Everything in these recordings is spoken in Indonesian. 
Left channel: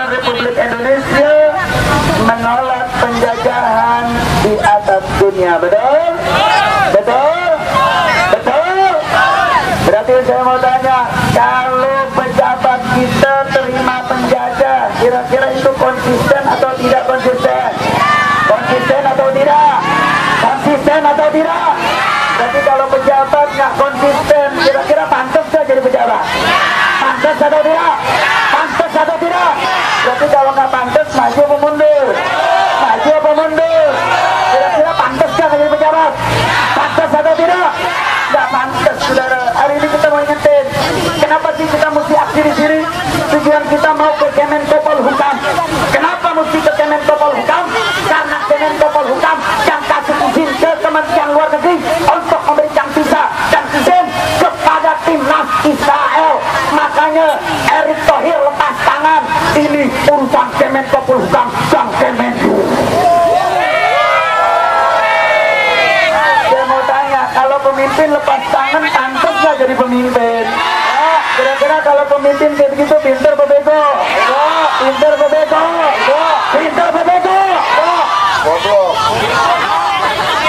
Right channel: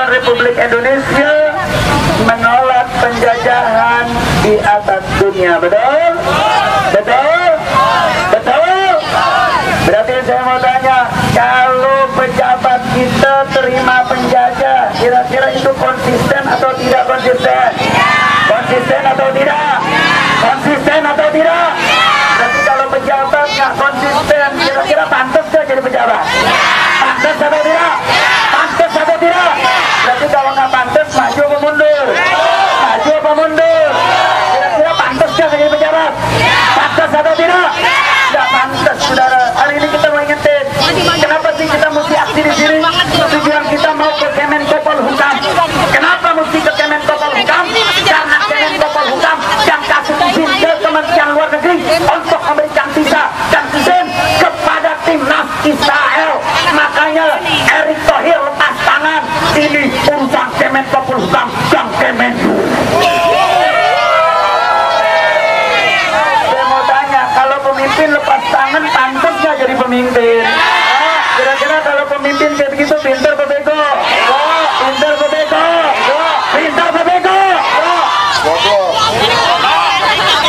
Kesatuan Republik Indonesia menolak penjajahan di atas dunia. Betul? Betul? Betul? Berarti saya mau tanya, kalau pejabat kita terima penjajah, kira-kira itu konsisten atau tidak konsisten? Konsisten atau tidak? Konsisten atau tidak? Berarti kalau pejabat nggak konsisten, kira-kira pantas nggak jadi pejabat? Pantas atau tidak? Pantas atau tidak? Berarti kalau nggak pantas, maju apa mundur? Maju apa mundur? Kira-kira pantas nggak jadi pejabat? Pantas atau tidak? Nggak pantas, saudara. Hari ini kita mau ingetin, kenapa sih kita mesti aksi di sini? Tujuan kita mau ke Kemenkopol-Hukam. Kenapa mesti ke Kemenkopol-Hukam? Karena Kemenkopol-Hukam yang kasih izin ke Kementerian Luar Negeri untuk memberikan visa dan izin kepada timnas Israel. Makanya Erick Thohir lepas tangan. Ini urusan Kemenkopol-Hukam dan Kemenlu. Saya mau tanya, kalau pemimpin lepas tangan, pantas nggak jadi pemimpin? Kira-kira kalau pemimpin kayak begitu, pintar apa bego? Pintar apa bego? Pintar apa bego? Bodoh.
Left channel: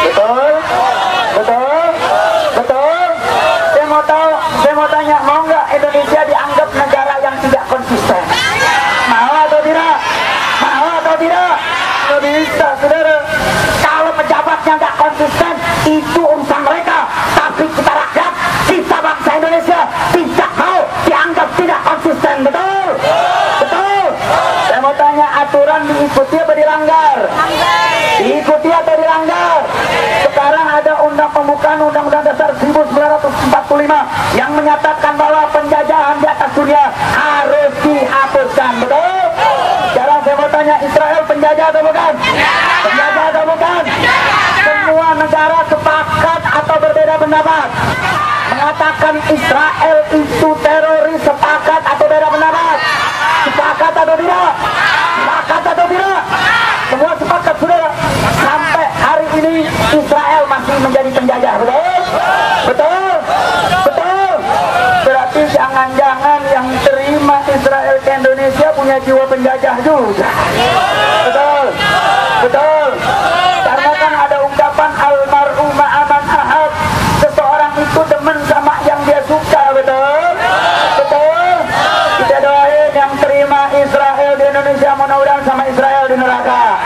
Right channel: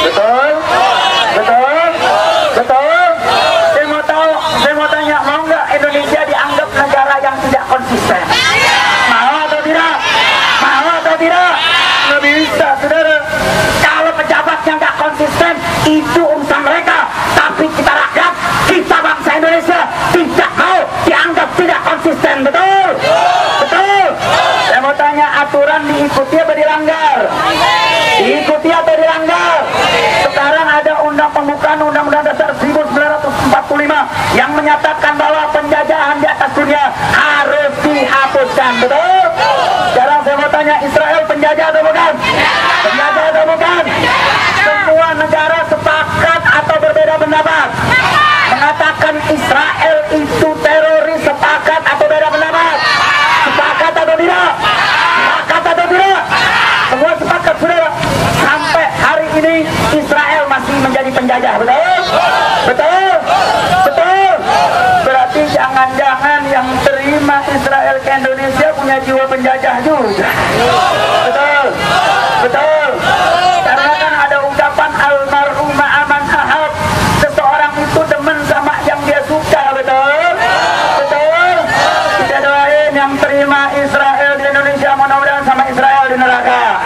Betul? Betul? Betul? Saya mau tanya, mau nggak Indonesia dianggap negara yang tidak konsisten? Mau atau tidak? Mau atau tidak? Nggak bisa, saudara. Kalau pejabatnya nggak konsisten, itu urusan mereka. Tapi kita rakyat, kita bangsa Indonesia tidak mau dianggap tidak konsisten. Betul? Betul? Saya mau tanya, aturan diikuti apa dilanggar? Diikuti atau dilanggar? Sekarang ada pembukaan Undang-Undang Dasar 1945 yang menyatakan bahwa penjajahan di atas dunia harus dihapuskan. Betul? Sekarang saya mau tanya, Israel penjajah atau bukan? Penjajah atau bukan? Semua negara sepakat atau berbeda pendapat mengatakan Israel itu teroris. Sepakat atau beda pendapat? Sepakat atau tidak? Sepakat atau tidak? Semua sepakat, saudara. Sampai hari ini Israel masih menjadi penjajah. Betul? Betul? Betul? Berarti jangan-jangan yang terima Israel ke Indonesia punya jiwa penjajah juga. Betul? Betul? Karena kan ada ungkapan almarhum ma'aman ahab, seseorang itu demen sama yang dia suka. Betul? Betul? Kita doain yang terima Israel di Indonesia, mudah-mudahan sama Israel di neraka.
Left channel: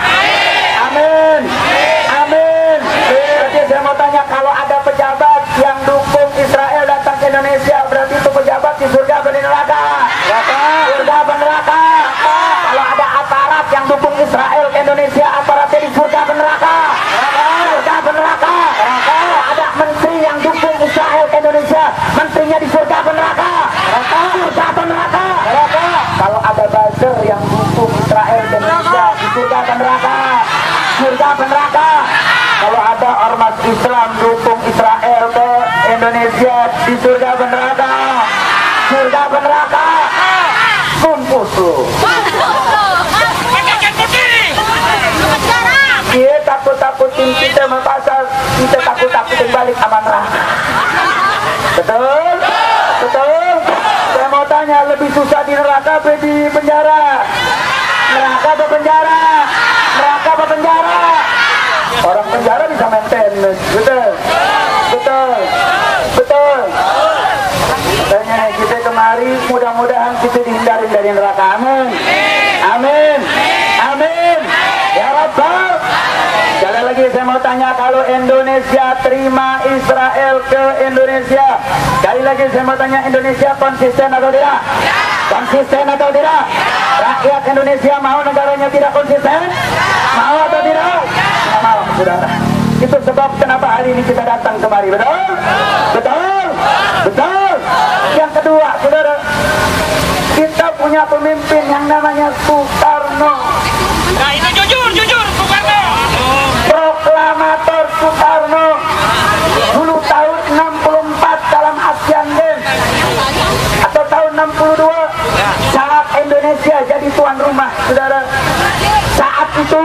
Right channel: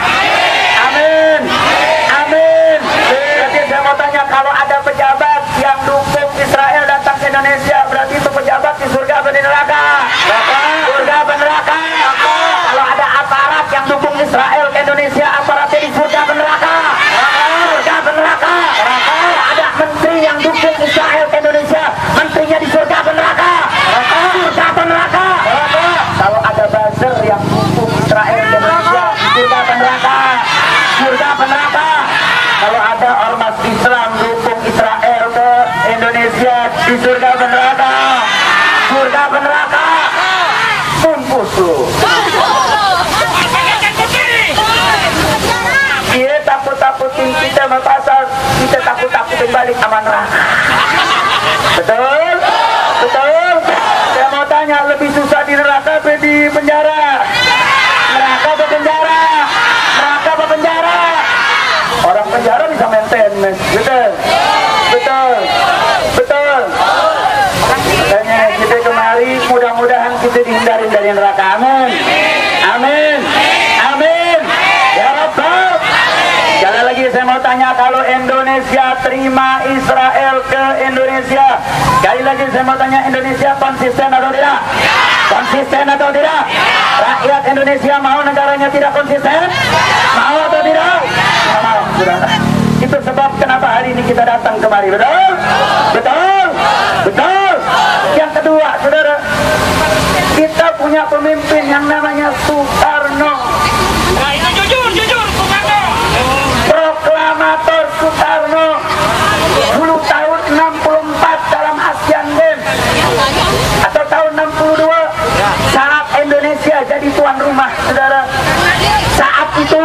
Amin. Amin. Berarti saya mau tanya, kalau ada pejabat yang dukung Israel datang ke Indonesia, berarti itu pejabat di surga atau di neraka? Surga atau neraka? Kalau ada aparat yang dukung Israel ke Indonesia, aparatnya di surga atau neraka? Surga atau neraka? Kalau ada menteri yang dukung Israel ke Indonesia, menterinya di surga atau neraka? Surga atau neraka? Kalau ada buzzer yang dukung Israel ke Indonesia, di surga atau neraka? Surga atau neraka? Kalau ada ormas Islam dukung Israel ke Indonesia, di surga atau neraka? Surga atau neraka? Mampus lu. Dia takut-takutin kita sama pasal, kita takut-takutin balik sama neraka. Betul? Betul? Saya mau tanya, lebih susah di neraka apa di penjara? Neraka apa penjara? Neraka apa penjara? Orang penjara bisa maintain. Betul? Betul? Betul? Makanya kita kemari, mudah-mudahan kita dihindarin dari neraka. Amin. Amin. Amin. Ya Rabbal. Sekali lagi saya mau tanya, kalau Indonesia terima Israel ke Indonesia, sekali lagi saya mau tanya, Indonesia konsisten atau tidak? Konsisten atau tidak? Rakyat Indonesia mau negaranya tidak konsisten? Mau atau tidak? Tidak mau, saudara. Itu sebab kenapa hari ini kita datang kemari. Betul? Betul? Betul? Yang kedua, saudara, kita punya pemimpin yang namanya Soekarno. Nah, itu jujur, Soekarno. Proklamator Soekarno dulu tahun 64 dalam Asian Games atau tahun 62 saat Indonesia jadi tuan rumah, saudara. Saat itu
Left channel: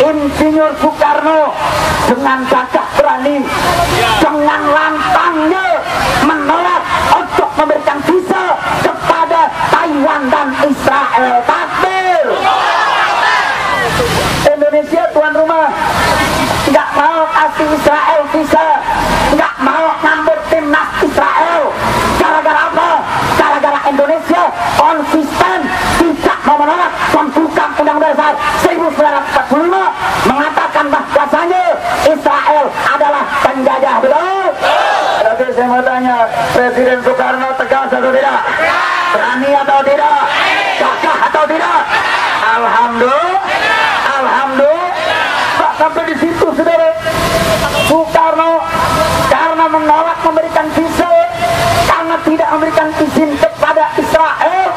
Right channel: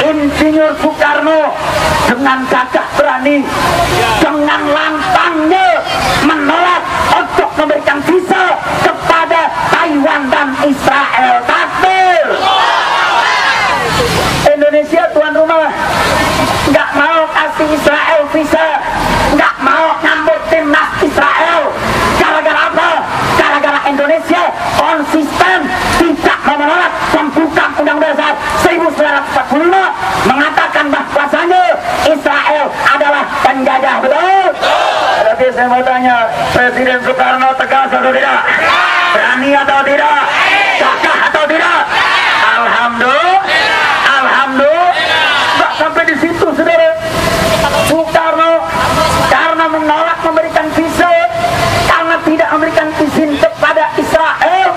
Insinyur Soekarno dengan gagah berani, dengan lantangnya menolak untuk memberikan visa kepada Taiwan dan Israel. Takbir! menolak pembukaan Undang-Undang Dasar 1945 mengatakan bahwasanya Israel adalah penjajah, betul? Tapi saya mau tanya, Presiden Soekarno tegas atau tidak? Berani atau tidak? Gagah atau tidak? Alhamdulillah, alhamdulillah. Nggak sampai di situ, saudara. Soekarno karena menolak memberikan visa, karena tidak memberikan izin kepada Israel,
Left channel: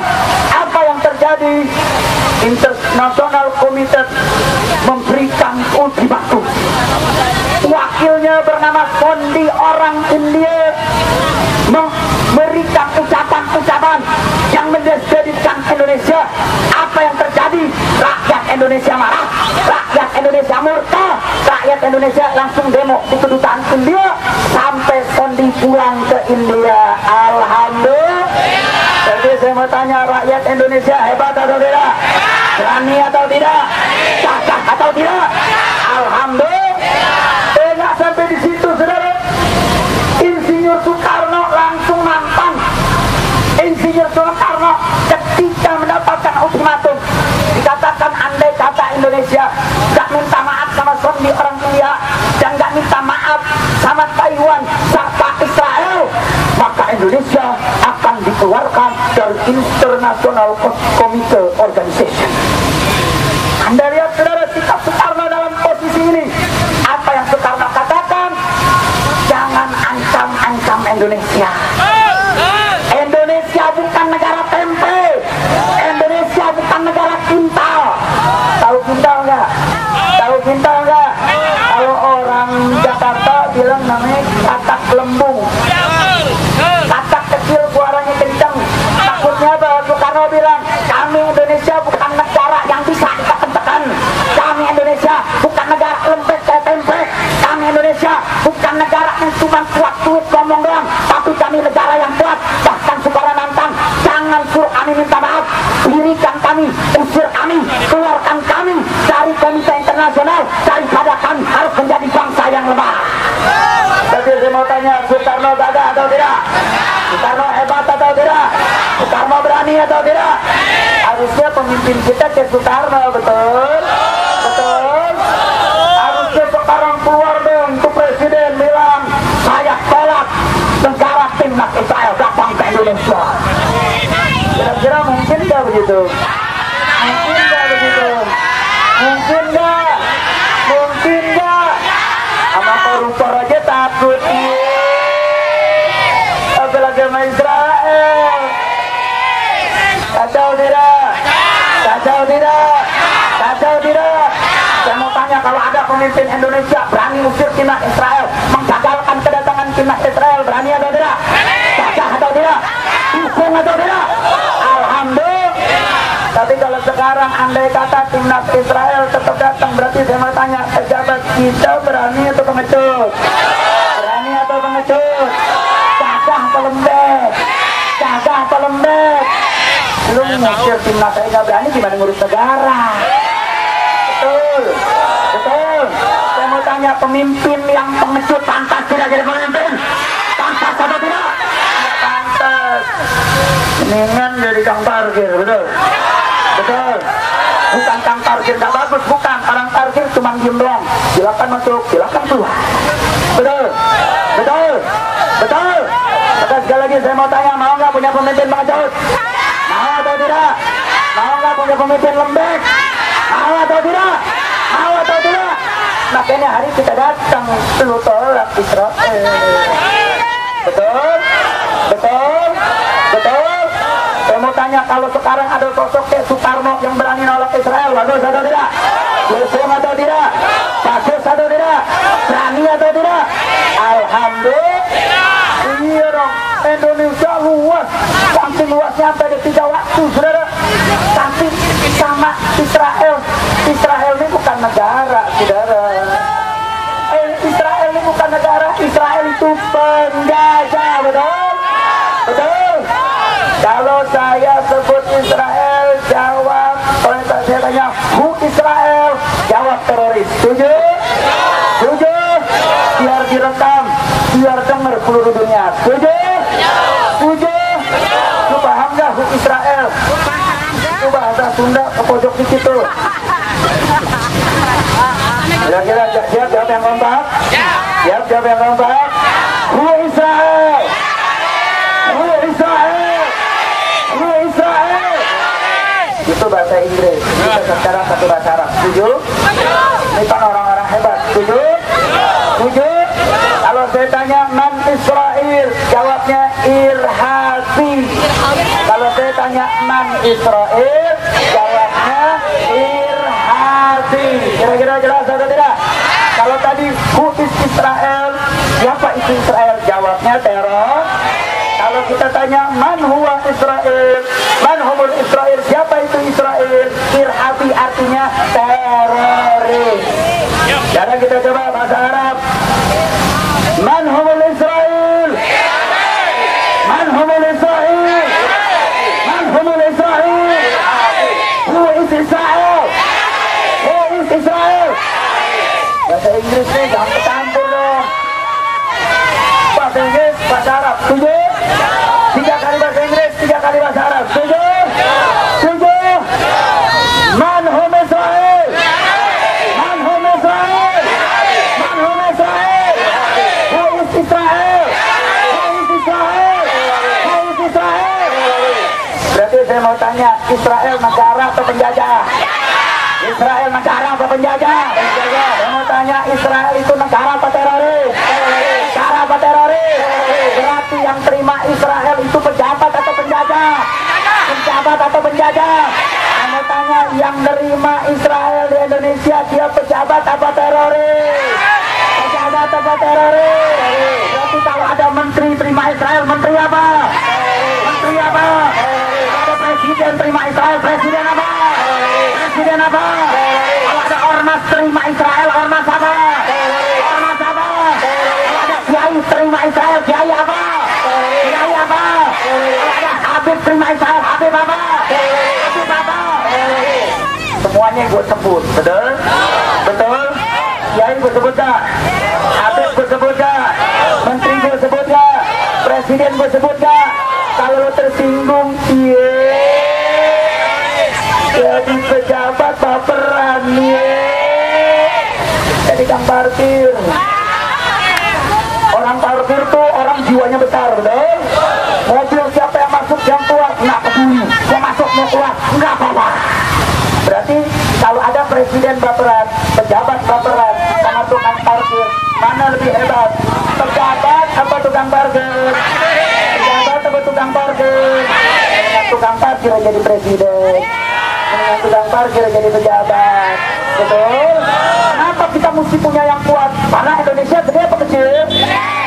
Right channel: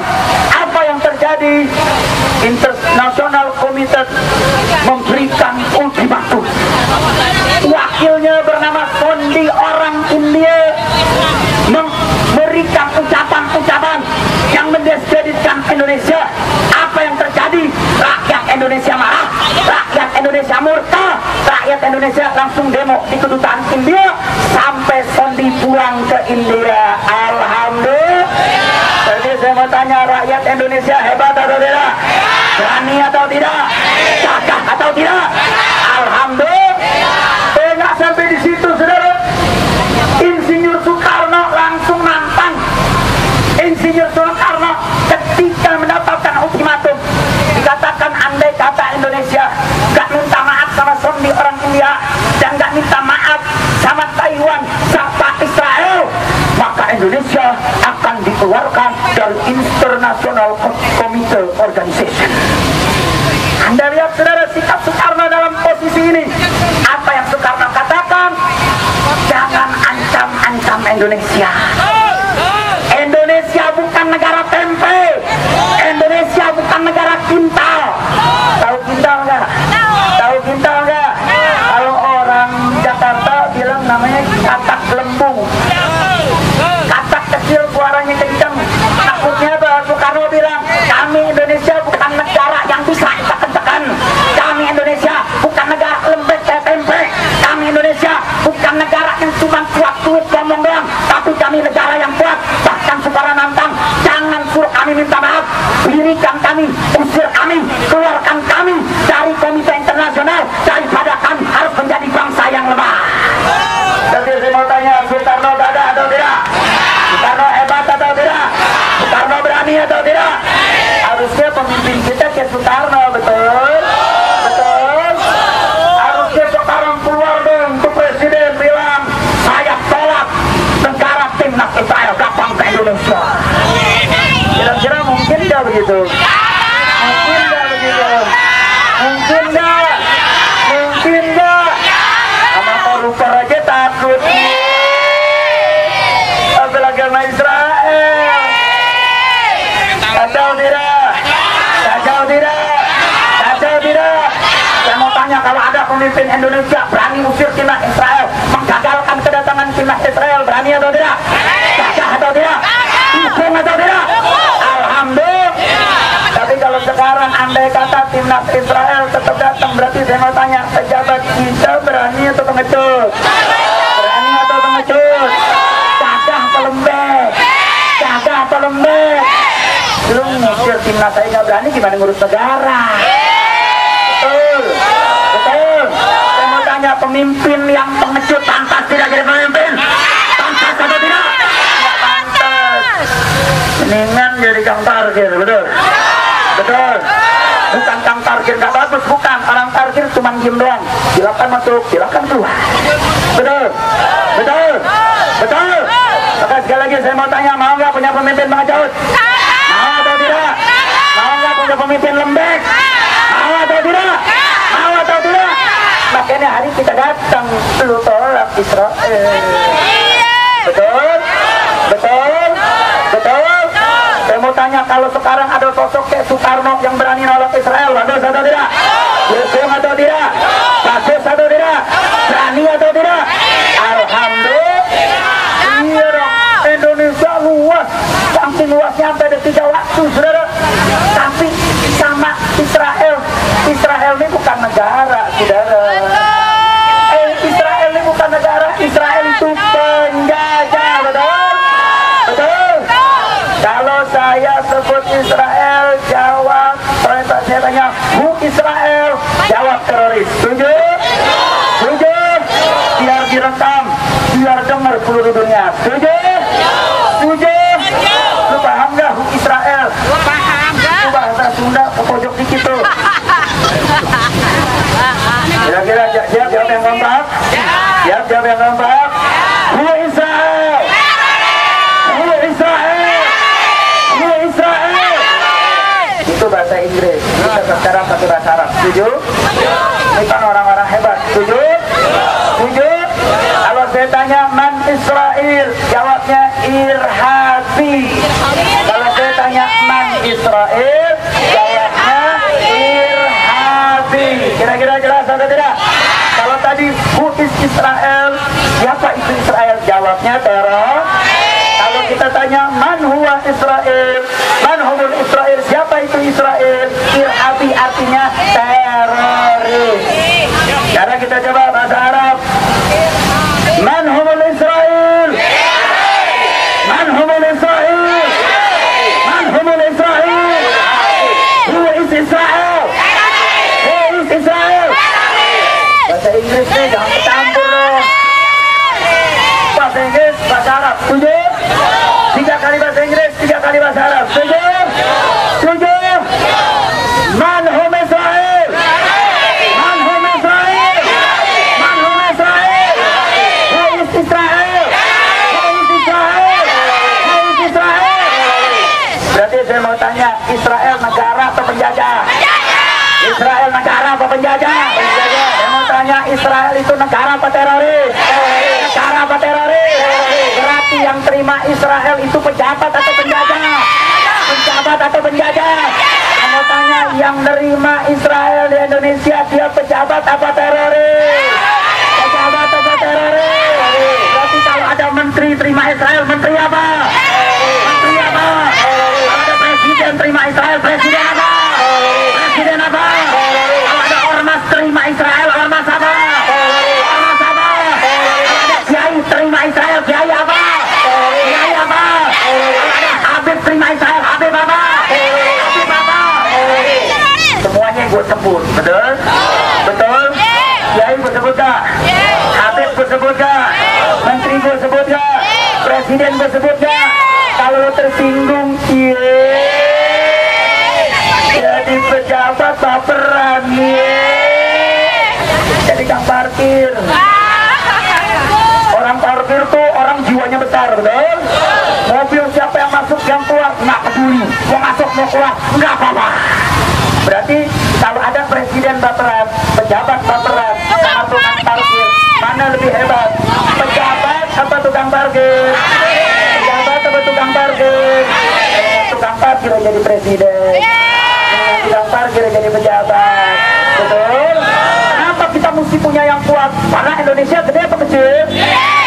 apa yang terjadi? International Committee memberikan ultimatum. Wakilnya bernama Sondi, orang India, memberikan ucapan-ucapan yang mendiskreditkan Indonesia. Apa yang terjadi? Rakyat Indonesia marah, rakyat Indonesia murka, rakyat Indonesia langsung demo di kedutaan India sampai Sondi pulang ke India. Alhamdulillah. Jadi saya mau tanya, rakyat Indonesia hebat atau tidak? Berani atau tidak? Gagah atau tidak? Alhamdulillah. Nggak sampai di situ, saudara. Insinyur Soekarno langsung nantang. Insinyur Soekarno ketika mendapatkan ultimatum dikatakan andai kata Indonesia nggak minta maaf sama Sondi orang India dan nggak minta maaf sama Taiwan serta Israel, maka Indonesia akan dikeluarkan dari International Committee Organization. Anda lihat, saudara, sikap Soekarno dalam posisi ini. Apa yang Soekarno katakan? Jangan ancam-ancam Indonesia. Indonesia bukan negara tempe. Indonesia bukan negara kintal. Tahu kintal nggak? Tahu kintal nggak? Kalau orang Jakarta bilang namanya katak lembung. Katak kecil suaranya kencang. Takutnya apa? Soekarno bilang, kami Indonesia bukan negara yang bisa ditekan-tekan. Kami Indonesia bukan negara lembek kayak tempe. Kami Indonesia bukan negara yang cuma kuat duit ngomong doang, tapi kami negara yang kuat. Bahkan Soekarno nantang, jangan suruh kami minta maaf, dirikan kami, usir kami, keluarkan kami dari Komite Internasional daripada kami harus menjadi bangsa yang lemah. Jadi saya mau tanya, Soekarno gagah atau tidak? Soekarno hebat atau tidak? Soekarno berani atau tidak? Harusnya pemimpin kita kayak Soekarno, betul? Betul? Harusnya sekarang keluar dong tuh Presiden bilang, saya tolak negara timnas Israel datang ke Indonesia. Kira-kira mungkin nggak begitu? Mungkin nggak begitu? Mungkin nggak? Mungkin nggak? Sama koruptor aja takut. Apalagi sama Israel. Kacau tidak? Kacau tidak? Kacau tidak? Saya mau tanya, kalau ada pemimpin Indonesia berani usir timnas Israel, menggagalkan kedatangan timnas Israel, berani atau tidak? Gagah atau tidak? Dukung atau tidak? Alhamdulillah. Tapi kalau sekarang andai kata timnas Israel tetap datang, berarti saya mau tanya, pejabat kita berani atau pengecut? Berani atau pengecut? Gagah atau lembek? Gagah atau lembek? Lu ngusir timnas saya nggak berani, gimana ngurus negara? Betul, betul. Saya mau tanya, pemimpin yang pengecut pantas tidak jadi pemimpin? Pantas atau tidak? Nggak pantas. Mendingan jadi kang parkir, betul? Betul. Bukan kang parkir nggak bagus, bukan. Orang parkir cuma diem doang. Silakan masuk, silakan keluar. Betul, betul, betul. Maka sekali lagi saya mau tanya, mau nggak punya pemimpin pengecut? Mau atau tidak? Mau nggak punya pemimpin lembek? Mau atau tidak? Mau atau tidak? Makanya hari kita datang, lu tolak Israel. Betul? Betul? Betul? Saya mau tanya, kalau sekarang ada sosok kayak Soekarno yang berani nolak Israel, bagus atau tidak? Dukung atau tidak? Bagus atau tidak? Berani atau tidak? Alhamdulillah. Iya dong, Indonesia luas, saking luasnya sampai ada 3 waktu, saudara. Tapi sama Israel, Israel ini bukan negara, saudara. Israel ini bukan negara, Israel itu penjajah, betul? Betul? Kalau saya sebut Israel, jawab, kalau saya tanya, who Israel? Jawab teroris. Setuju? Setuju? Biar direkam, biar dengar seluruh dunia. Setuju? Setuju? Lu paham gak who Israel? Itu bahasa Sunda ke pojok dikit tuh. Kira-kira siap jawab yang kompak? Siap jawab yang kompak? Huwa Israel! Huwa Israel! Huwa Israel! Itu bahasa Inggris. Kita sekarang pakai bahasa Arab. Setuju? Ini kan orang-orang hebat. Setuju? Setuju? Kalau saya tanya man Israel, jawabnya irhabi. Kalau saya tanya man Israel, jawabnya irhabi. Kira-kira jelas atau tidak? Kalau tadi who is Israel, siapa itu Israel? Jawabnya teror. Kalau kita tanya man huwa Israel, man humul Israel, siapa itu Israel? Irhabi artinya teroris. Sekarang kita coba bahasa Arab. Man humul Israel, man humul Israel, man humul Israel, who is Israel, who is Israel. Bahasa Inggris nih jangan campur dong. Bahasa Inggris, bahasa Arab, setuju? 3 kali bahasa Inggris, 3 kali bahasa Arab, setuju? Setuju? Man hum Israel, man hum Israel, man hum Israel, who is Israel, who is Israel, who is Israel. Berarti saya mau tanya, Israel negara atau penjajah? Israel negara apa penjajah? Saya mau tanya, Israel itu negara apa teroris? Negara apa teroris? Berarti yang terima Israel itu pejabat atau penjajah? Pejabat atau penjajah? Saya mau tanya, yang nerima Israel di Indonesia dia pejabat apa teroris? Pejabat apa teroris? Berarti kalau ada menteri terima Israel, menteri apa? Menteri apa? Kalau ada presiden terima Israel, presiden apa? Presiden apa? Kalau ada ormas terima Israel, ormas apa? Ormas apa? Kalau ada kiai terima Israel, kiai apa? Kiai apa? Kalau ada Habib terima Israel, Habib apa? Habib apa? Semuanya gue sebut, betul? Betul? Kiai gue sebut gak? Habib gue sebut gak? Menteri gue sebut gak? Presiden gue sebut gak? Kalau lo tersinggung, jadi pejabat baperan, jadi kang parkir. Orang parkir tuh orang jiwanya besar, betul? Mobil siapa yang masuk yang keluar nggak peduli, mau masuk mau keluar nggak apa-apa. Berarti kalau ada presiden baperan, pejabat baperan, sama tukang parkir, mana lebih hebat? Pejabat apa tukang parkir? Pejabat apa tukang parkir? Tukang parkir jadi presiden, tukang parkir jadi pejabat, betul? Kenapa kita mesti punya yang kuat? Karena Indonesia gede apa kecil?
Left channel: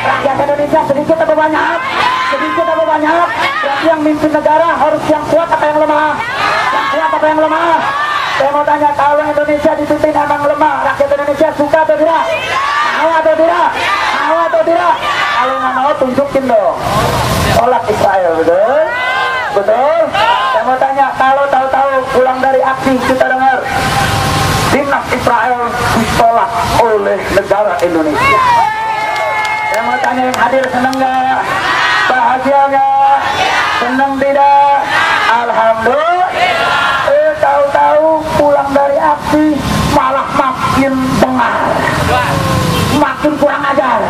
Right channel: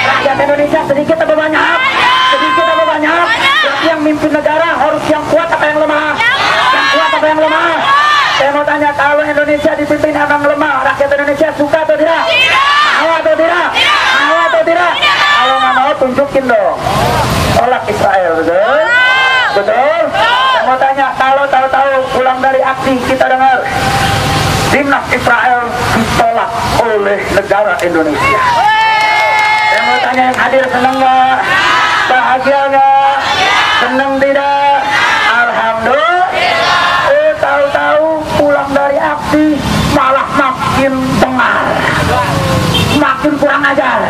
Rakyat Indonesia sedikit apa banyak? Sedikit apa banyak? Berarti yang mimpin negara harus yang kuat apa yang lemah? Yang kuat apa yang lemah? Saya mau tanya, kalau Indonesia dipimpin emang lemah, rakyat Indonesia suka atau tidak? Mau atau tidak? Mau atau tidak? Kalau nggak mau tunjukin dong. Tolak Israel, betul? Betul? Saya mau tanya, kalau tahu-tahu pulang dari aksi kita dengar timnas Israel ditolak oleh negara Indonesia. Saya mau tanya, yang hadir senang nggak? Bahagia nggak? Senang tidak? Alhamdulillah. Tahu-tahu pulang dari aksi malah makin dengar, makin kurang ajar,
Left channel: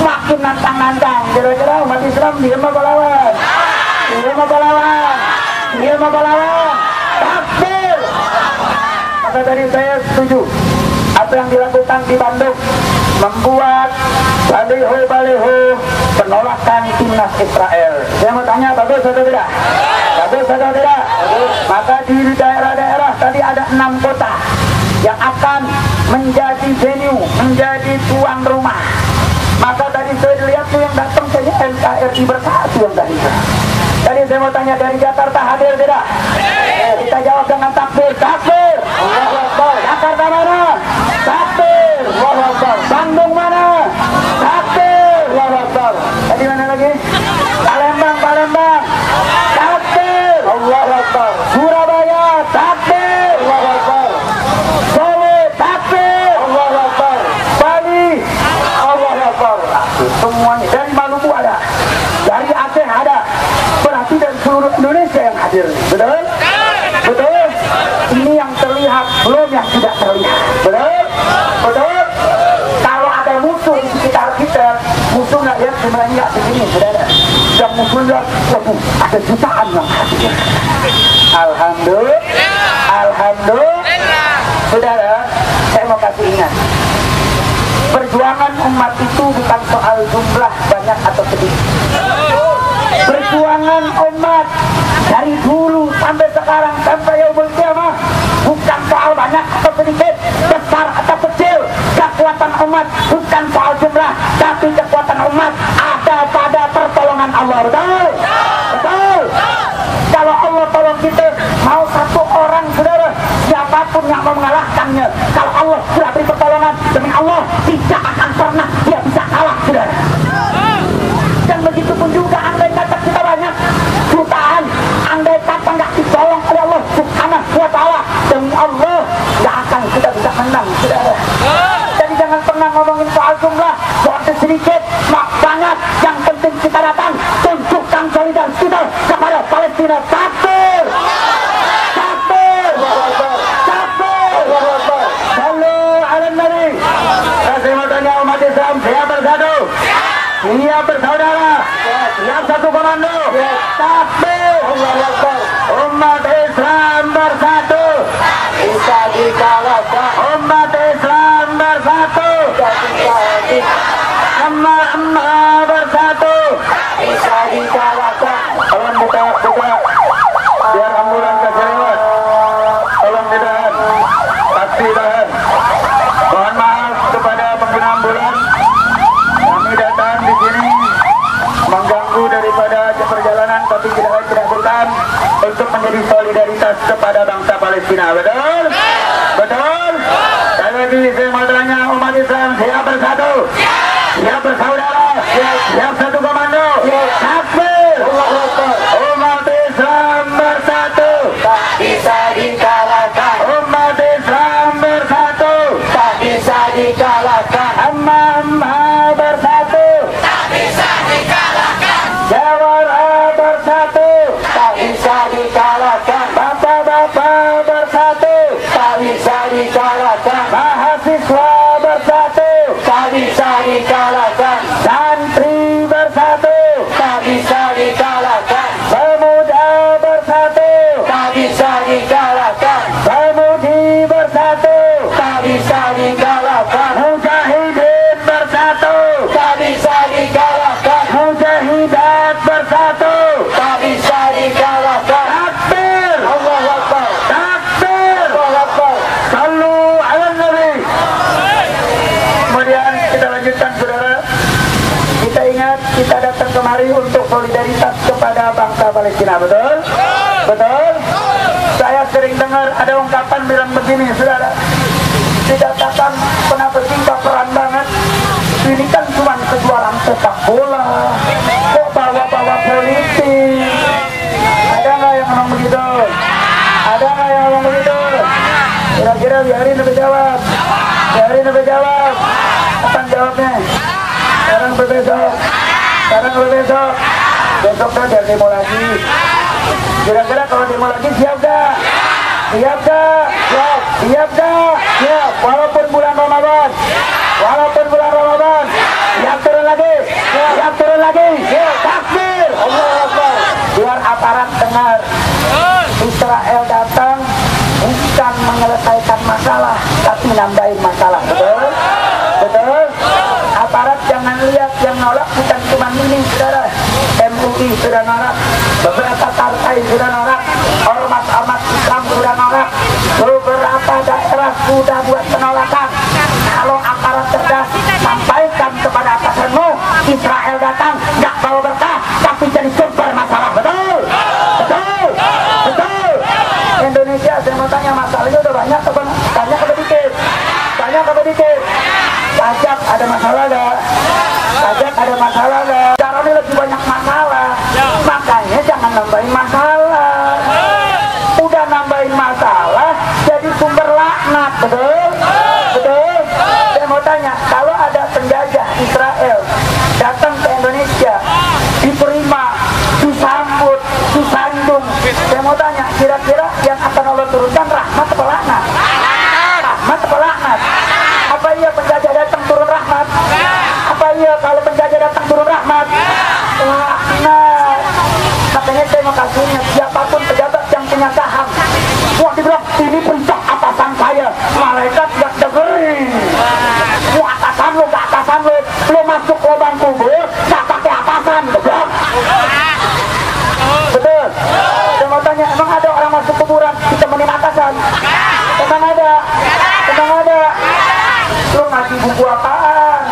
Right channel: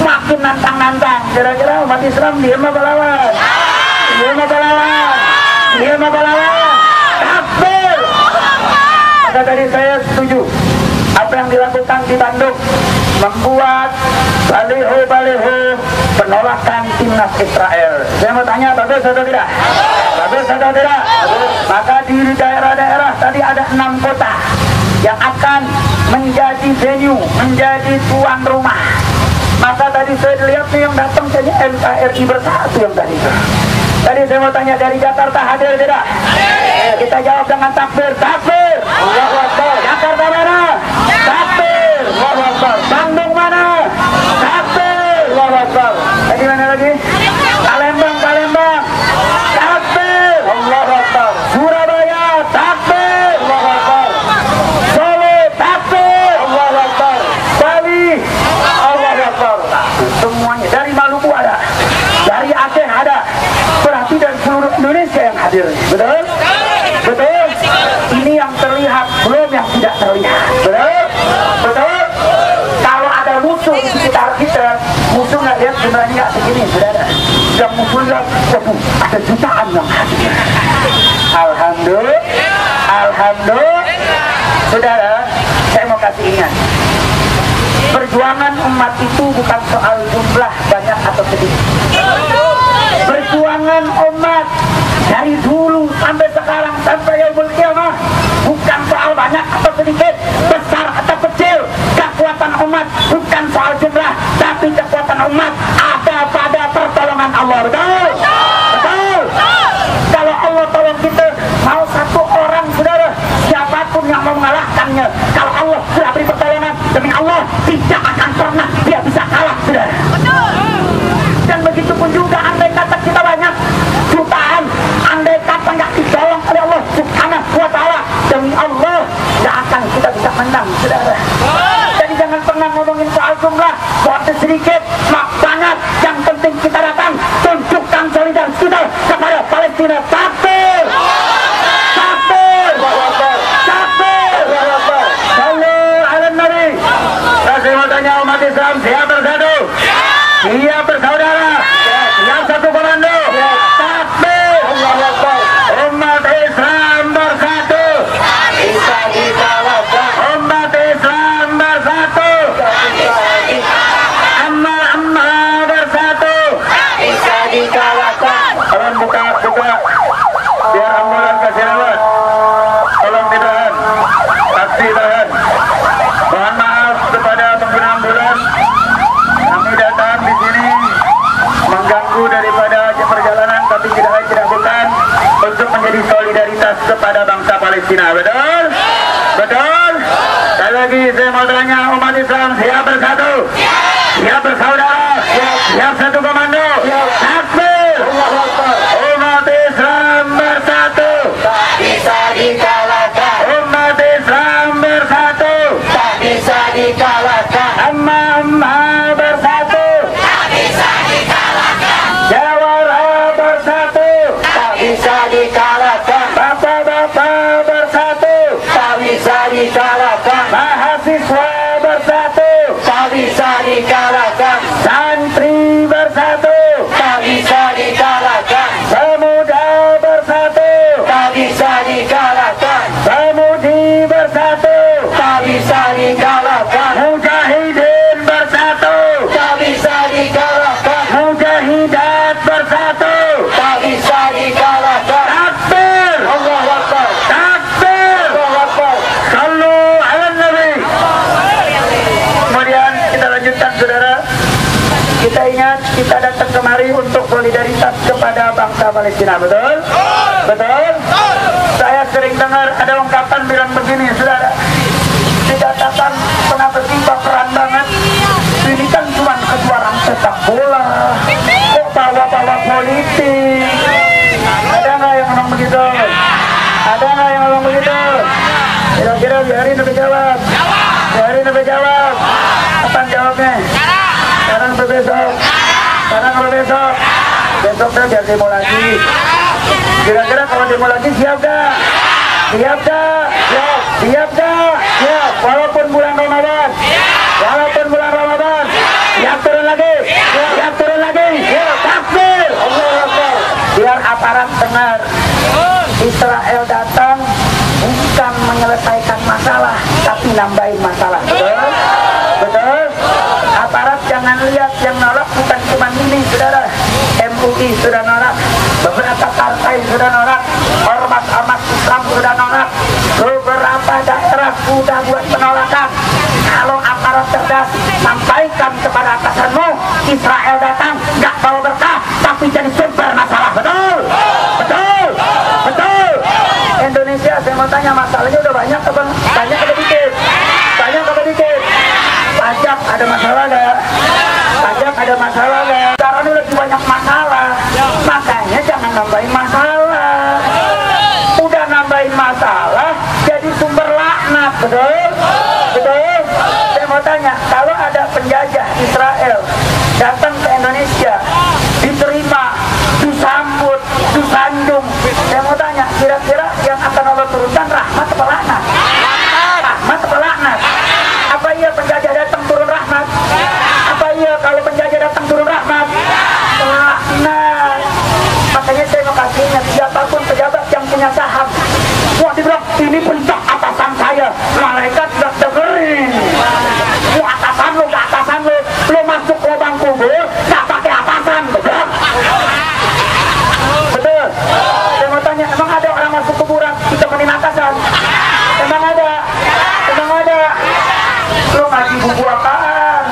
makin nantang-nantang. Kira-kira umat Islam diem apa lawan? Diem apa lawan? Diem apa lawan? Takbir! Maka tadi saya setuju apa yang dilakukan di Bandung, membuat baliho-baliho penolakan timnas Israel. Saya mau tanya, bagus atau tidak? Bagus atau tidak? Maka di daerah-daerah tadi ada 6 kota yang akan menjadi venue, menjadi tuan rumah. Maka tadi saya lihat nih yang datang saja NKRI Bersatu yang tadi. Tadi saya mau tanya, dari Jakarta hadir tidak? Kita jawab dengan takbir. Takbir! Allahu Akbar. Jakarta mana? Takbir! Allahu Akbar. Bandung mana? Takbir! Allahu Akbar. Tadi mana lagi? Palembang, Palembang. Takbir! Allahu Akbar. Surabaya, takbir! Allahu Akbar. Solo, takbir! Allahu Akbar. Bali, Allahu Akbar. Semuanya. Dari Maluku ada, dari Aceh ada. Berarti dari seluruh Indonesia yang hadir. Betul? Betul? yang terlihat, belum yang tidak terlihat. Betul? Betul? Kalau ada musuh di sekitar kita, musuh nggak lihat jumlahnya nggak segini, saudara. Yang musuh lihat, waduh, ada jutaan yang hadir. Alhamdulillah, alhamdulillah. Saudara, saya mau kasih ingat, perjuangan umat itu bukan soal jumlah banyak atau sedikit. Perjuangan umat dari dulu sampai sekarang sampai yaumul qiyamah bukan soal banyak atau sedikit, besar atau kecil. Kekuatan umat bukan soal jumlah, tapi kekuatan umat ada pada pertolongan Allah. Betul? Betul? Kalau Allah tolong kita, mau satu orang, saudara, siapapun yang mau mengalahkannya, kalau Allah sudah beri pertolongan, demi Allah tidak akan pernah dia bisa kalah, saudara. Dan begitu pun juga andai kata kita banyak jutaan, andai kata nggak ditolong oleh Allah Subhanahu wa Ta'ala, demi Allah nggak akan kita bisa menang, saudara. Jadi jangan pernah ngomongin soal jumlah, soal sedikit, mak banyak. Yang penting kita datang, tunjukkan solidaritas kita kepada Palestina. Takbir, takbir, takbir. Sallu ala Nabi. Saya mau tanya umat Islam, siap bersatu, siap bersaudara, siap satu komando. Takbir, umat Islam bersatu, bisa dikalahkan. Umat Islam bersatu, amma bersatu, bisa dikalahkan. Tolong buka biar ambulan kasih lewat. Tolong ditahan, taksi tahan. Mohon maaf kepada pengguna ambulan, kami datang di sini mengganggu daripada perjalanan, tapi tidak bukan untuk menjadi solidaritas kepada bangsa Palestina. Betul? Betul? Sekali lagi saya mau tanya umat Islam, siap bersatu, siap bersaudara, siap satu komando. Takbir, umat Islam bersatu, tak bisa dikalahkan. Umat Islam bersatu, tak bisa dikalahkan. Amma bersatu, tak bisa dikalahkan. Jawara bersatu, tak bisa dikalahkan. Bapak-bapak bersatu, tak bisa dikalahkan. Mahasiswa bersatu, tak bisa dikalahkan. Santri bersatu, tak bisa dikalahkan. Pemuda bersatu, tak bisa dikalahkan. Pemudi bersatu, tak bisa dikalahkan. Mujahidin bersatu, tak bisa dikalahkan. Mujahidat bersatu, tak bisa dikalahkan. Takbir, Allahu Akbar. Takbir, Allahu Akbar. Sallu ala Nabi. Kemudian kita lanjutkan, saudara. Kita ingat, kita datang kemari untuk solidaritas kepada bangsa Palestina. Betul? Betul? Saya sering dengar ada ungkapan bilang begini, saudara. Dikatakan kenapa sih baperan banget? Ini kan cuma kejuaraan sepak bola, kok bawa-bawa politik? Ada nggak yang ngomong begitu? Ada nggak yang ngomong begitu? Kira-kira biarin lebih jawab. Biarin lebih jawab. Apa jawabnya? Sekarang berbesok. Sekarang berbesok. Besoknya biar demo lagi. Kira-kira kalau demo lagi siap gak? Siap gak? Siap. Siap gak? Siap. Walaupun bulan Ramadan. Walaupun bulan Ramadan. Siap turun lagi. Siap turun lagi. Takbir. Allahu Akbar. Biar aparat dengar. Israel datang bukan menyelesaikan masalah, tapi nambahin masalah. Betul? Betul? Aparat jangan lihat yang nolak bukan cuma ini, saudara. MUI sudah nolak, beberapa partai sudah nolak, ormas-ormas Islam sudah nolak, beberapa daerah sudah buat penolakan. Kalau aparat cerdas, sampaikan kepada atasanmu, Israel datang nggak bawa berkah, tapi jadi sumber masalah. Betul? Betul? Betul? Indonesia, saya mau tanya, masalahnya udah banyak apa? Banyak apa dikit? Banyak apa dikit? Pajak ada masalah gak? Pajak ada masalah gak? Sekarang ini lebih banyak masalah, makanya jangan nambahin masalah. Udah nambahin masalah, jadi sumber laknat. Betul? Betul? Saya mau tanya, kalau ada penjajah Israel datang ke Indonesia, diterima, disambut, disanjung, saya mau tanya, kira-kira yang akan Allah turunkan rahmat atau laknat? dibilang ini perintah atasan saya. Malaikat gak dengerin. Lu atasan lu, gak atasan lu. Lu masuk lubang kubur, gak pakai atasan. Betul? Betul? Saya mau tanya, emang ada orang masuk kuburan ditemenin atasan? Emang ada? Emang ada? Lu ngaji buku apaan?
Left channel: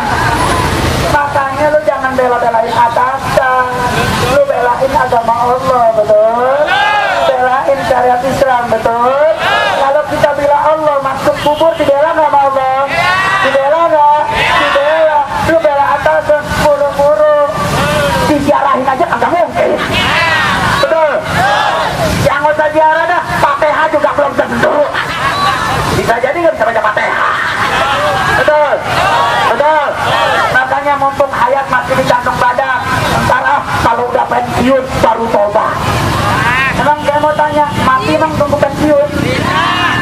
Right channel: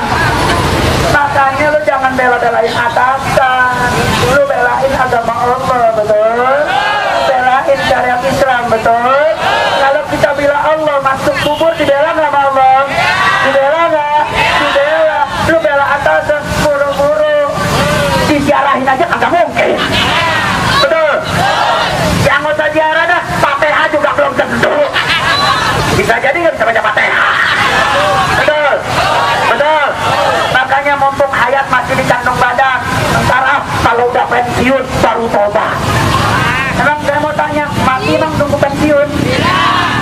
Makanya lu jangan bela-belain atasan. Lu belain agama Allah, betul? Belain syariat Islam, betul? Kalau kita bila Allah masuk kubur, dibela nggak sama Allah? Dibela nggak? Dibela. Lu bela atasan, buru-buru diziarahin aja kagak mungkin. Betul? Yang nggak usah ziarah dah, Fatihah juga belum tentu. Bisa jadi nggak bisa baca Fatihah. Betul? Betul? Makanya mumpung hayat masih di kantong badan, ntar kalau udah pensiun baru tobat. Emang saya mau tanya, mati emang nunggu pensiun?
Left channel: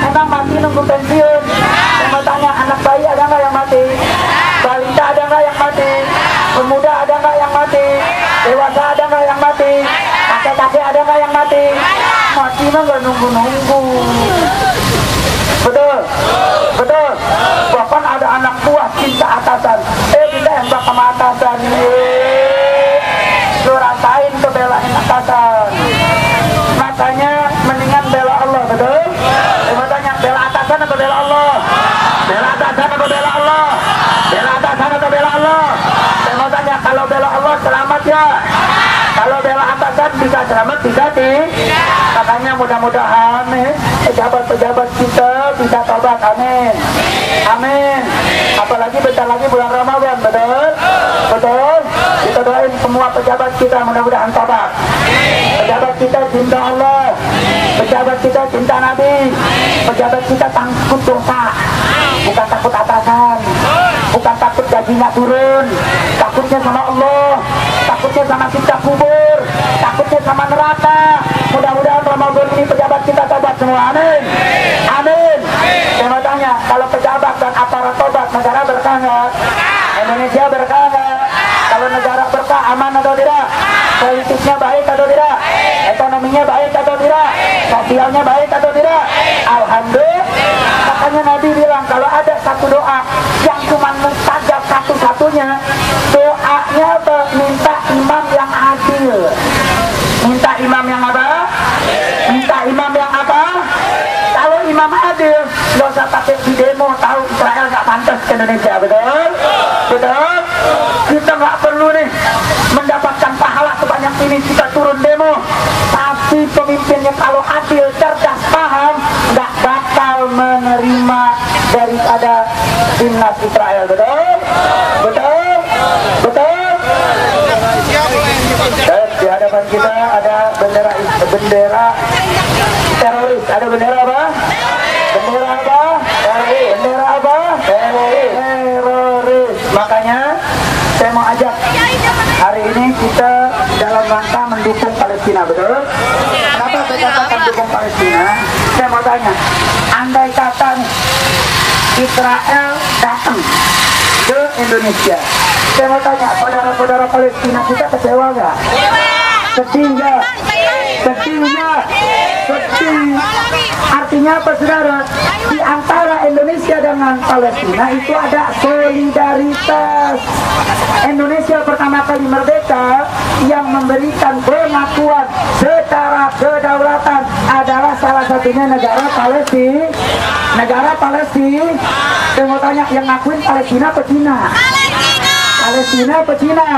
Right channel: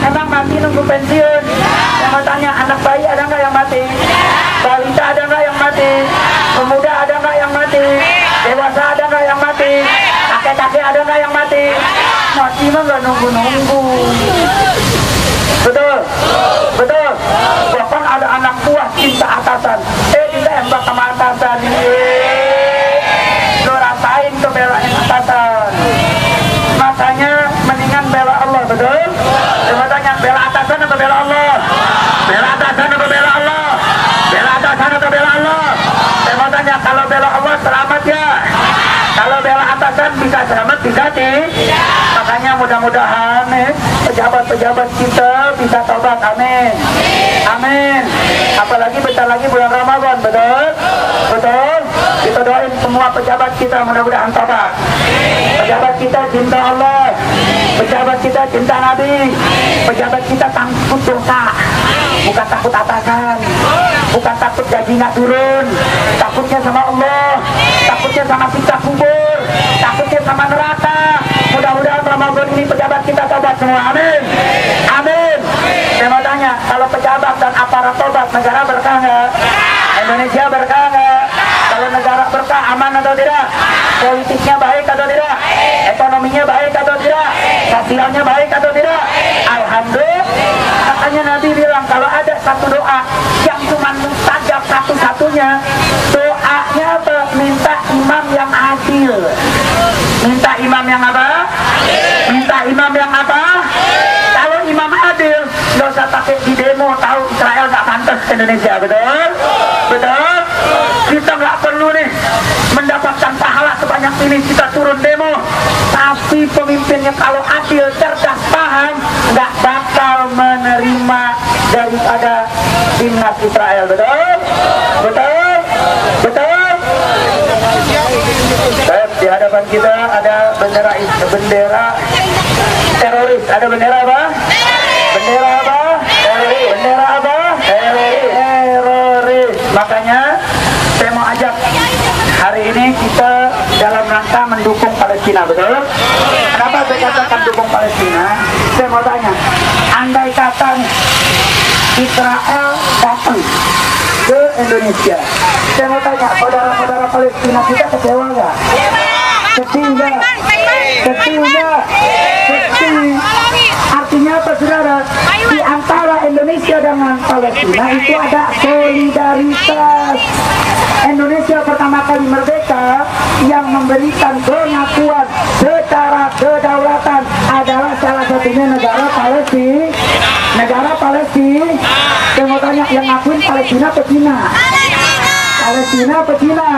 Emang mati nunggu pensiun? Saya mau tanya, anak bayi ada nggak yang mati? Balita ada nggak yang mati? Pemuda ada nggak yang mati? Dewasa ada nggak yang mati? Kakek-kakek ada nggak yang mati? Mati mah nggak nunggu-nunggu. Betul? Betul? Bahkan ada anak buah cinta atasan, ditembak sama atasan. Lu rasain tuh belain atasan. Makanya mendingan bela Allah, betul? Saya tanya, bela atasan atau bela Allah? Bela atasan atau bela Allah? Bela atasan atau bela Allah? Saya mau tanya, kalau bela Allah selamat ya? Kalau bela atasan bisa selamat, bisa makanya mudah-mudahan pejabat-pejabat kita bisa tobat, amin. Amin. Apalagi bentar lagi bulan Ramadan, betul? Betul? Kita doain semua pejabat kita mudah-mudahan tobat. Pejabat kita cinta Allah, pejabat kita cinta Nabi, pejabat kita takut dosa, bukan takut atasan, bukan takut gaji nggak turun, takutnya sama Allah, takutnya sama siksa kubur, takutnya sama neraka. Mudah-mudahan Ramadan ini pejabat kita tobat semua, amin. Amin. Saya mau tanya, kalau pejabat dan aparat tobat, negara berkah nggak? Indonesia berkah nggak? Kalau negara berkah, aman atau tidak? Politiknya baik atau tidak? Ekonominya baik atau tidak? Sosialnya baik atau tidak? Alhamdulillah. Makanya Nabi bilang, kalau ada satu doa yang cuma mustajab satu-satunya, doanya apa? Minta imam yang adil. Minta imam yang apa? Minta imam yang apa? Kalau imam adil, nggak usah pakai di demo, tahu Israel nggak pantas ke Indonesia, betul? Betul? Kita nggak perlu nih mendapatkan pahala sebanyak ini, kita turun demo. Tapi pemimpinnya kalau adil, cerdas, paham, nggak bakal menerima daripada timnas Israel, betul? Betul? Betul? Di hadapan kita ada bendera teroris. Ada bendera apa? Bendera apa? Teroris. Bendera apa? Teroris. Makanya saya mau ajak hari ini kita dalam rangka mendukung Palestina, betul? Kenapa saya katakan dukung Palestina? Saya mau tanya, andai kata Israel datang ke Indonesia, saya mau tanya, saudara-saudara Palestina kita kecewa nggak? Sedih nggak? Sedih nggak? Sedih. Artinya apa, saudara? Di antara Indonesia dengan Palestina itu ada solidaritas. Indonesia pertama kali merdeka, yang memberikan pengakuan secara kedaulatan adalah salah satunya negara Palestina. Negara Palestina. Saya mau tanya, yang ngakuin Palestina apa Cina? Palestina apa Cina?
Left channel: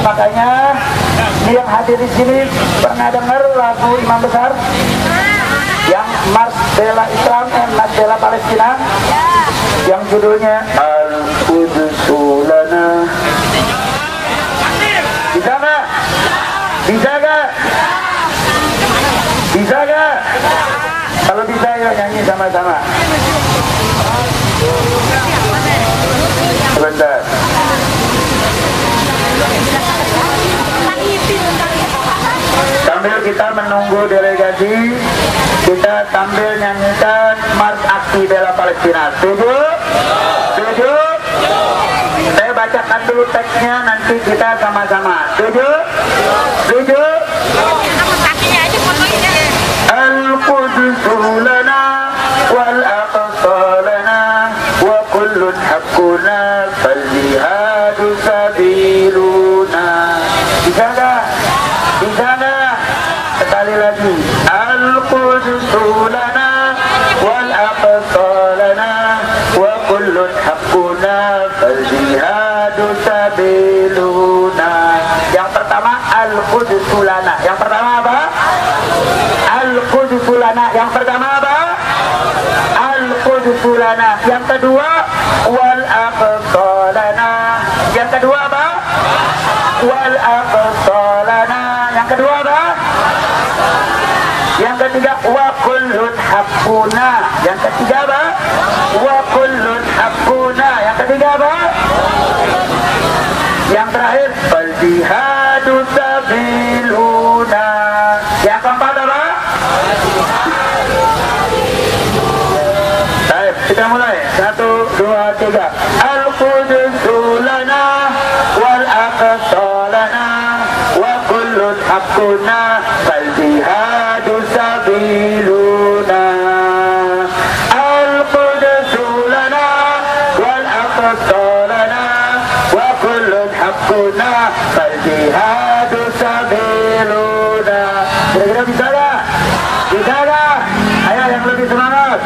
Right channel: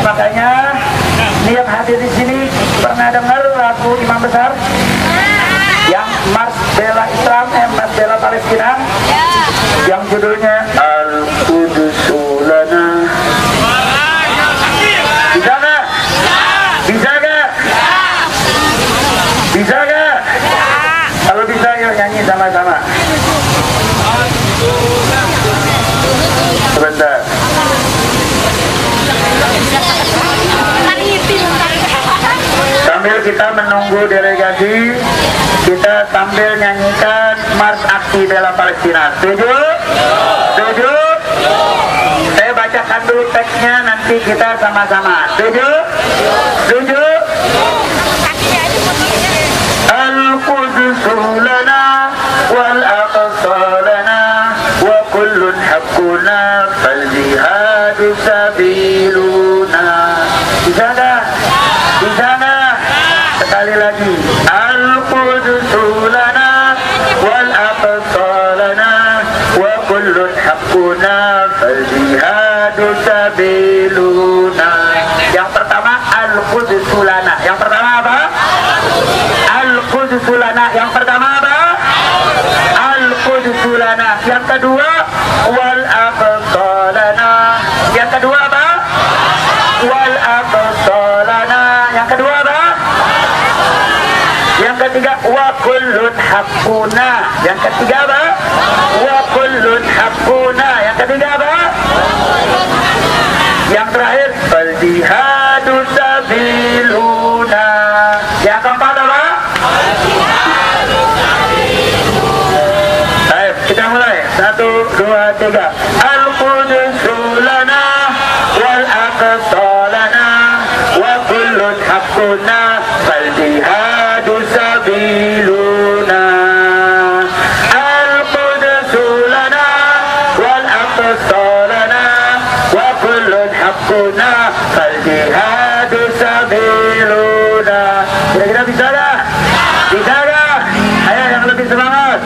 Makanya yang hadir di sini pernah dengar lagu Imam Besar yang Mars Bela Islam, Mars Bela Palestina, yang judulnya Al-Qudusu Lana. Bisa gak? Bisa gak? Bisa gak? Kalau bisa yuk nyanyi sama-sama. Sebentar. Sambil kita menunggu delegasi, kita sambil nyanyikan Mars Aksi Bela Palestina. Setuju? Setuju? Saya bacakan dulu teksnya, nanti kita sama-sama. Setuju? Setuju? Al-Qudus لنا والأقصى لنا وكل حقنا فالجهاد سبيلنا. Di sana sekali lagi, Al-Quds lana wal aqsa lana wa kullun haqquna fal jihadu sabiluna. Yang pertama Al-Quds lana. Yang pertama apa? Al-Quds lana. Yang pertama apa? Al-Quds lana. Yang kedua wal aqsa lana. Yang kedua apa? Wal aqsa lana. Yang kedua apa? Yang ketiga wa kullun haqquna. Yang ketiga apa? Wa kullun haqquna. Yang ketiga apa? Yang terakhir fal jihadu sabiluna. Yang keempat apa? Baik, kita mulai. 1, 2, 3. Al-Quds lana wal aqsa lana wa kullun haqquna fal jihadu sabiluna. Al-Quds lana wal aqsa lana wa kullun haqquna fal jihadu sabiluna. Kira-kira bisa gak? Bisa gak? Ayo yang lebih semangat.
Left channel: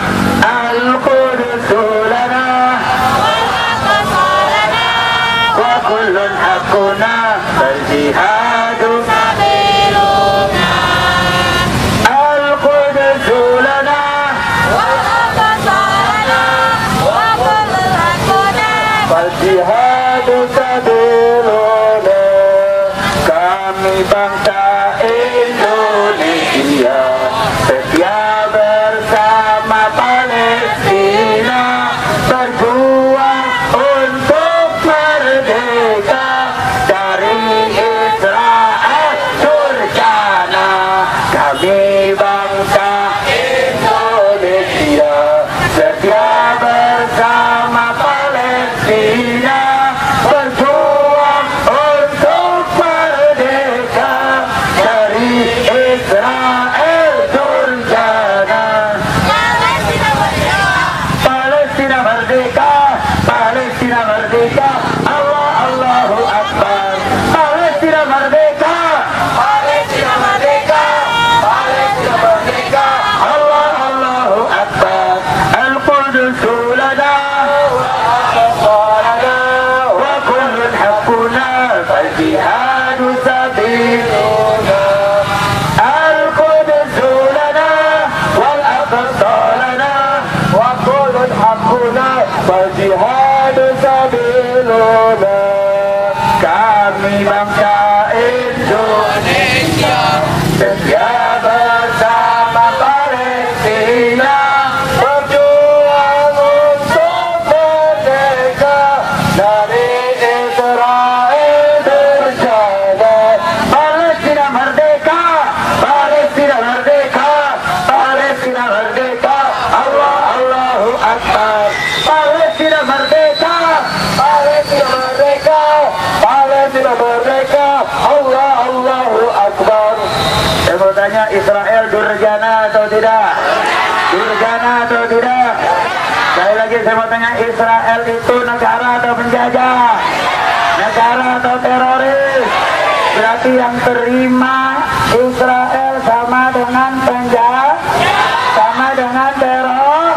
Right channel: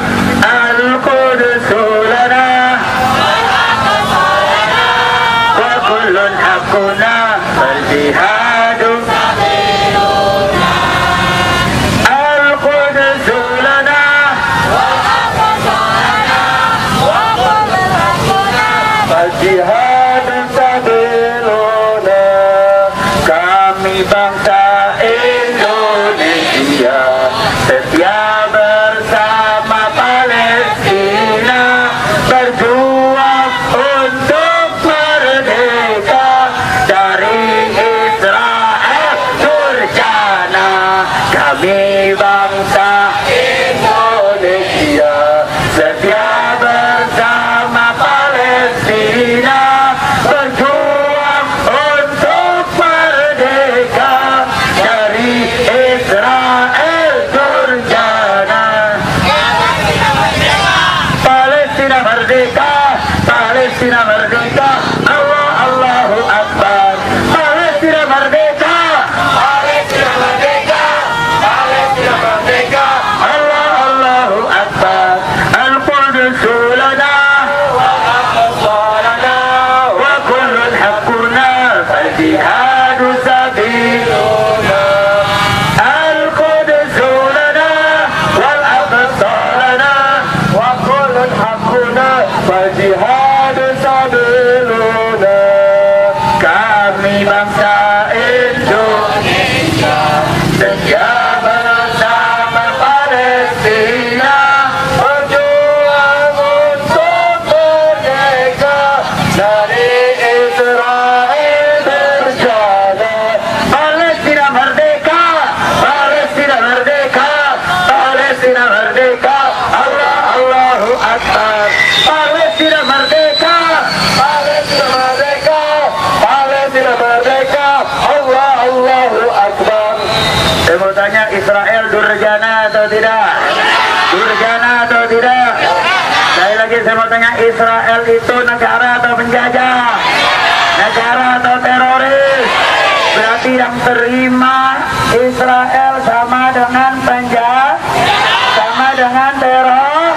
Al-Quds lana wa kullun haqquna fal jihadu sabiluna. Al-Quds lana fal jihadu sabiluna. Kami bangsa Indonesia setia bersama Palestina, berjuang untuk merdeka dari Israel durjana. Kami bangsa Indonesia setia bersama Palestina, berjuang untuk merdeka dari Israel durjana. Palestina merdeka, Palestina merdeka, Allah Allahu Akbar. Palestina merdeka, Palestina merdeka, Palestina merdeka, Allah Allahu Akbar. Al-Quds lana wa kullun haqquna fal jihadu sabiluna. Al-Quds lana wal aqsa lana wa kullun haqquna fal jihadu sabiluna. Kami bangsa Indonesia setia bersama Palestina, berjuang untuk merdeka dari Israel durjana. Palestina merdeka, Palestina merdeka, Palestina merdeka, Allah Allahu Akbar. Palestina merdeka, Palestina merdeka, Palestina merdeka, Allah Allahu Akbar. Saya mau tanya, Israel durjana atau tidak? Durjana atau tidak? Sekali lagi saya mau tanya, Israel itu negara atau penjajah? Negara atau teroris? Berarti yang terima Israel sama dengan penjajah, sama dengan teror.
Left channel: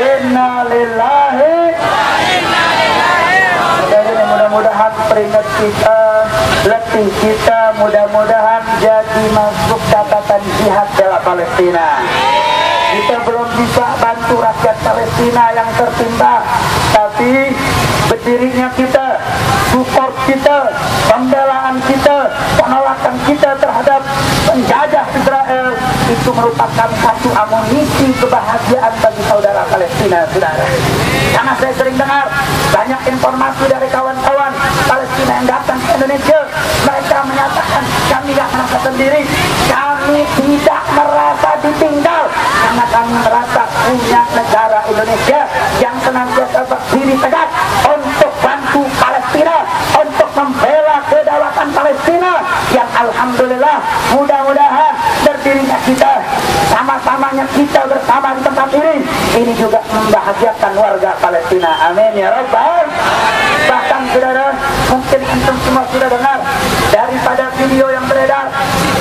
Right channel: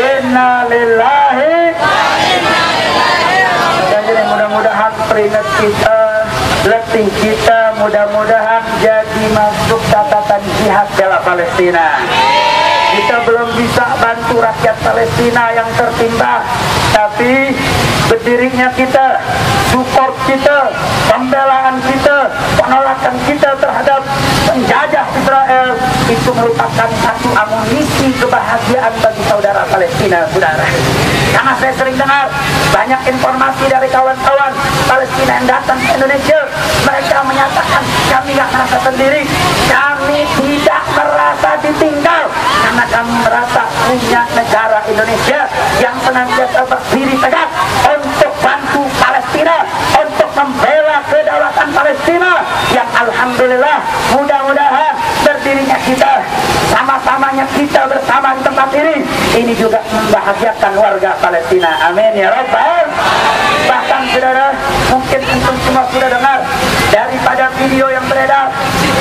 Innalillahi. Jadi mudah-mudahan peringat kita, letih kita, mudah-mudahan jadi masuk catatan jihad bela Palestina. Kita belum bisa bantu rakyat Palestina yang tertimpa, tapi berdirinya kita, support kita, pembelaan kita, penolakan kita terhadap penjajah Israel itu merupakan satu amunisi kebahagiaan bagi saudara Palestina, saudara. Karena saya sering dengar banyak informasi dari kawan-kawan Palestina yang datang ke Indonesia, mereka menyatakan kami gak merasa sendiri, kami tidak merasa ditinggal, karena kami merasa punya negara Indonesia yang senantiasa berdiri tegak untuk bantu Palestina, untuk membela kedaulatan Palestina yang alhamdulillah mudah-mudahan berdiri berdirinya kita, sama-samanya kita bersama di tempat ini juga membahagiakan warga Palestina. Amin ya Rabbal. Bahkan saudara, mungkin antum semua sudah dengar daripada video yang beredar,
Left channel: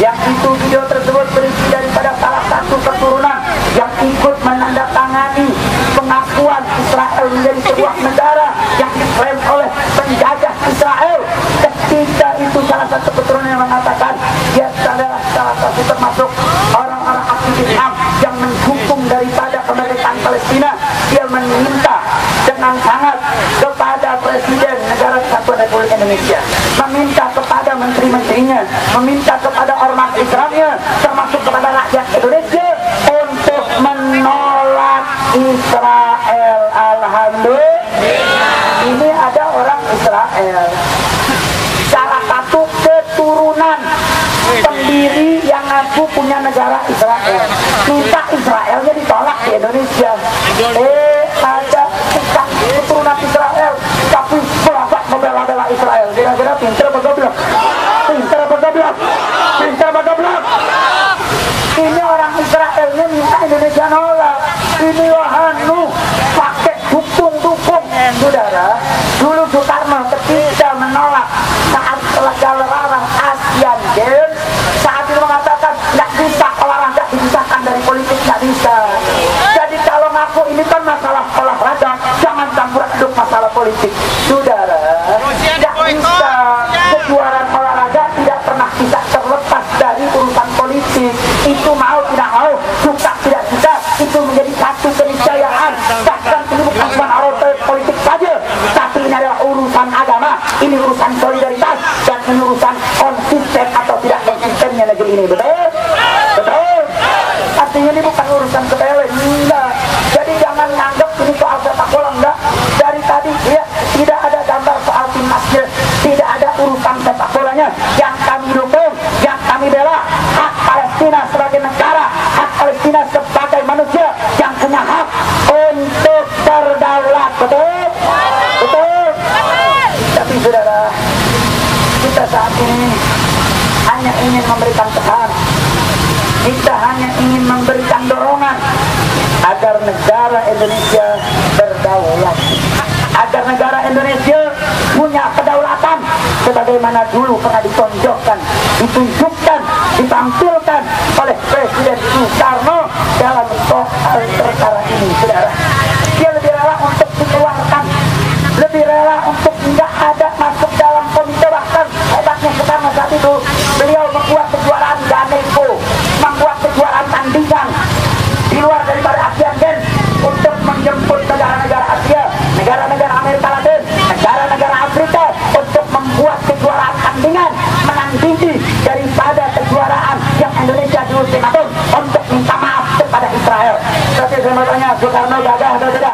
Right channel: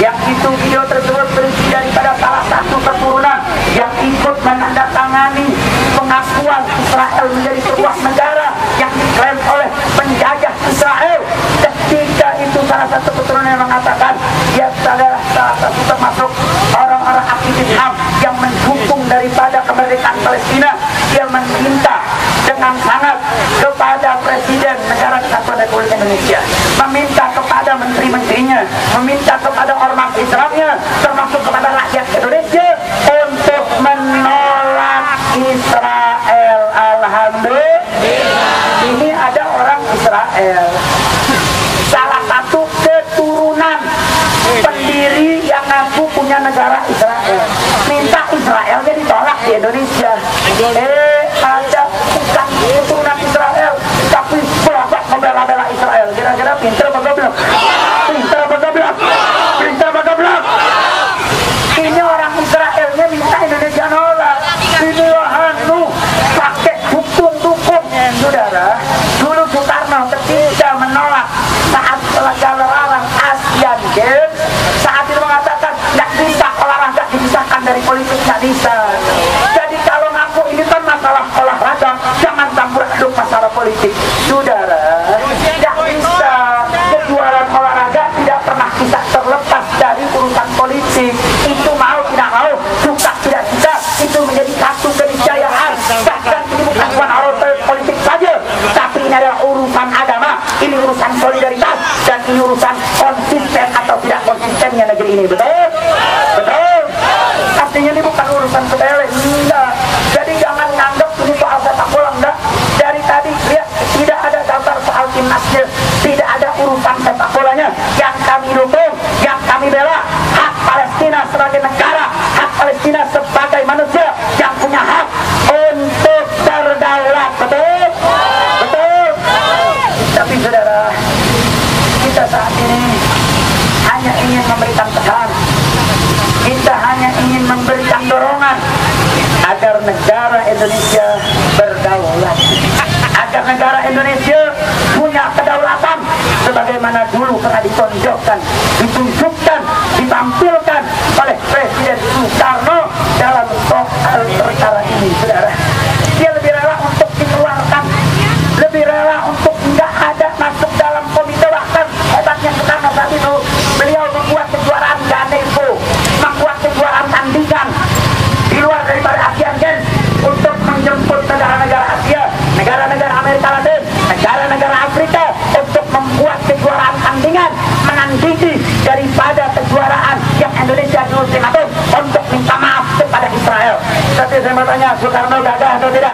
yang itu video tersebut berisi daripada salah satu keturunan yang ikut menandatangani pengakuan Israel menjadi sebuah negara yang diklaim oleh penjajah Israel. Ketika itu salah satu keturunan yang mengatakan dia adalah salah satu termasuk orang-orang aktivis HAM yang mendukung daripada kemerdekaan Palestina. Dia meminta dengan sangat kepada Presiden Negara Kesatuan Republik Indonesia, meminta kepada menteri-menterinya, meminta kepada ormas Islamnya, termasuk kepada rakyat Indonesia untuk menolak Israel. Alhamdulillah. Ini ada orang Israel, salah satu keturunan pendiri yang ngaku punya negara Israel, minta Israelnya ditolak di Indonesia. Ada bukan keturunan Israel, tapi belakang membela-bela Israel. Kira-kira pinter apa goblok? Pinter apa goblok? Pinter apa goblok? Ini orang Israelnya minta Indonesia nolak. Ini wahanu pakai dukung. Saudara, dulu Soekarno ketika menolak saat larang Asian Games, saat itu mengatakan nggak bisa olahraga dipisahkan dari politik, nggak bisa. Jadi kalau ngaku ini kan masalah olahraga, jangan campur aduk masalah politik. Saudara, nggak bisa. Kejuaraan olahraga tidak pernah bisa terlepas dari urusan politik. Itu mau tidak mau, suka tidak suka, itu menjadi satu keniscayaan. Bahkan ini bukan cuma urusan politik saja, tapi ini adalah urusan agama, ini urusan solidaritas, dan ini urusan konsisten atau tidak konsistennya negeri ini. Betul? Betul? Artinya ini bukan urusan sepele, enggak. Jadi jangan nganggap ini soal sepak bola, enggak. Dari tadi lihat, tidak ada gambar soal timnasnya, tidak ada urusan sepak bolanya. Yang kami dukung, yang kami bela, hak Palestina sebagai negara, hak Palestina sebagai manusia yang punya hak untuk berdaulat. Betul? Betul? Tapi saudara, kita saat ini hanya ingin memberikan pesan, kita hanya ingin memberikan dorongan agar negara Indonesia berdaulat, agar negara Indonesia punya kedaulatan sebagaimana dulu pernah ditonjolkan, ditunjukkan, ditampilkan oleh Presiden Soekarno dalam soal perkara ini. Saudara, dia lebih rela untuk dikeluarkan, lebih rela untuk nggak ada masuk dalam komite. Bahkan hebatnya Soekarno saat itu, beliau membuat kejuaraan Ganevo, membuat kejuaraan tandingan di luar daripada Asian Games untuk menjemput negara-negara Asia, negara-negara Amerika Latin, negara-negara Afrika untuk membuat kejuaraan tandingan menandingi daripada kejuaraan yang Indonesia dulu untuk minta maaf kepada Israel. Tapi saya mau tanya, Soekarno gagah atau tidak?